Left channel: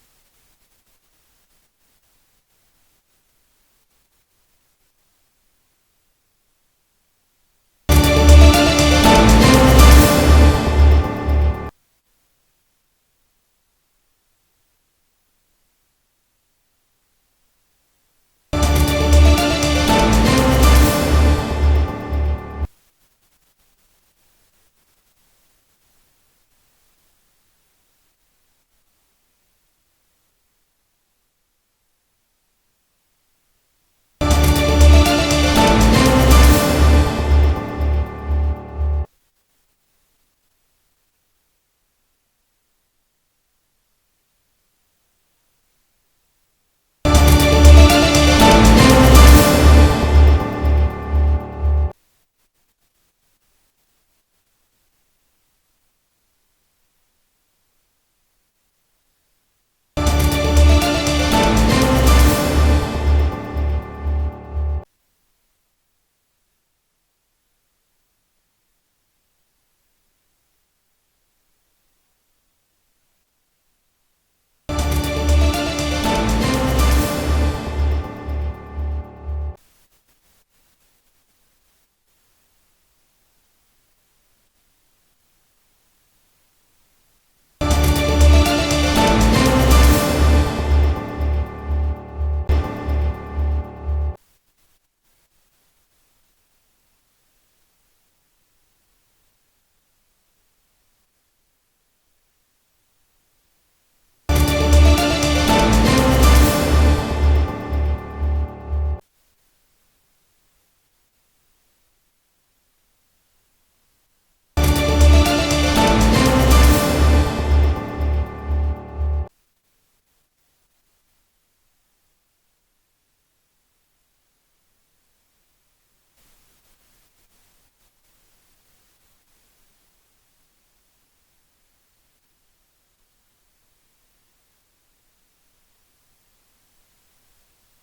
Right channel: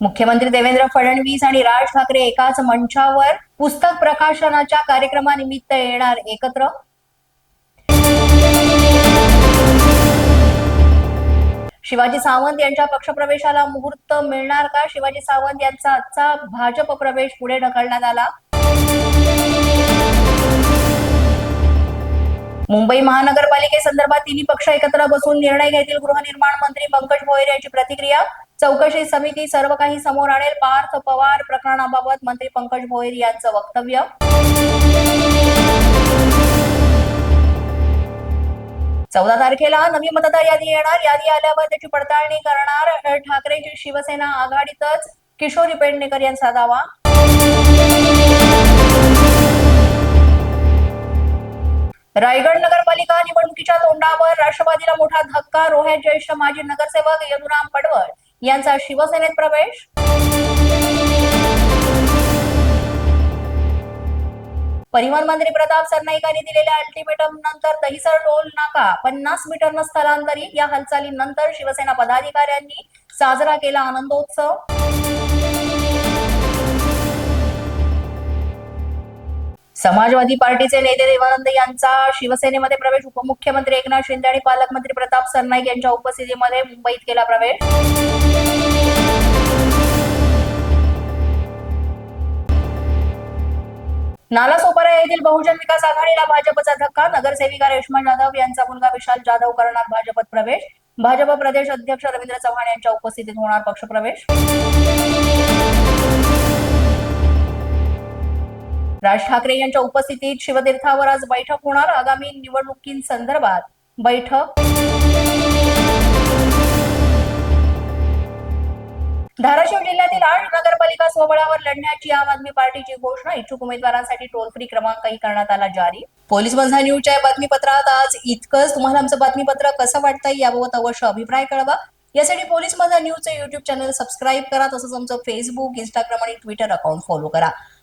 मुख्यमंत्री देवेंद्र फडणवीस आणि राज ठाकरे एकाच मंचावर पुस्तक प्रकाशनाच्या कार्यक्रमानिमित्त येणार एकत्र. शिवाजी सावंत यांच्या पक्षप्रवेशाला मुहूर्त मिळणार का? शिवाजी सावंत यांचा आजचा भाजप प्रवेश पुढे ढकलण्यात आला. मुंबई महानगरपालिकेसंदर्भात तिन्ही पक्ष एकत्र बसून निर्णय घेतील गृहनिर्माण मंत्री पंकज भोयर यांची प्रतिक्रिया. चौकशी समिती सर्व काही समोर आणेल. पार्थ पवार प्रकरणाबाबत मंत्री पंकज भोईर यांचं वक्तव्य. चौदा तारखेला नवी मतदार यादी येणार. यादी आल्यावर त्याची पडताळणी करणार ठाकरेंची शिवसेना आघाडीतच. किशोरी पेडणेकर यांचा दावा. रायगड नगरपालिका निवडणुकीच्या तोंडावर राष्ट्रवादीला मोठा धक्का रोह्यात ज्येष्ठ माजी नगरसेवक यदुराम पडवळ यांचा शिवसेनेत प्रवेश. परिवहन मंत्री प्रताप सरनाईकांनी दिलेल्या अल्टिमेटम नंतर दहिसर टोल नाका पन्नास मीटरनं स्थलांतरित. या हालचालीनंतर शिवसेना पदाधिकाऱ्यांनी साजरा केला आनंदोत्सव. समाजवादी पार्टीचे नेते देवानंद यांचा शिवसेनेमध्ये प्रवेश उपमुख्यमंत्री एकनाथ शिंदे आणि पालकमंत्री प्रताप सरनाईक यांच्या उपस्थितीमध्ये मुंबईत केला प्रवेश. नालासोपारा येथील बहुजन विकास आघाडीला भाजपचा धक्का नगरसेविका रेश्मा जाधव यांचा मुलगा विशाल जाधव करणार भाजपत प्रवेश. भाजप प्रदेश अध्यक्ष रवींद्र चव्हाण यांच्या उपस्थितीत होणार पक्षप्रवेश राज ठाकरे यांच्या उपस्थितीत शिवतीर्थावर आज बैठक होणार. आगामी निवडणुकींसंदर्भात बैठक. धाराशिव जिल्ह्यातील आठ नगरपालिका स्वबळावर लढण्याची आम आदमी पार्टीची घोषणा. इच्छुक उमेदवारांसाठी टोल फ्री क्रमांकही करण्यात आला जारी. पोलीस बंधा न्यूजच्या बातमीपत्रात आज इतकंच. तुम्हाला आमचं बातमीपत्र कसं वाटतंय याबाबत अवश्य अभिप्राय कळवा. यासाठी पोलीस बंधा न्यूजचे युट्यूब चॅनल सबस्क्राईब करा. तसंच आमचं फेसबुक इंस्टाग्राम आणि ट्विटर अकाउंट फॉलो करा.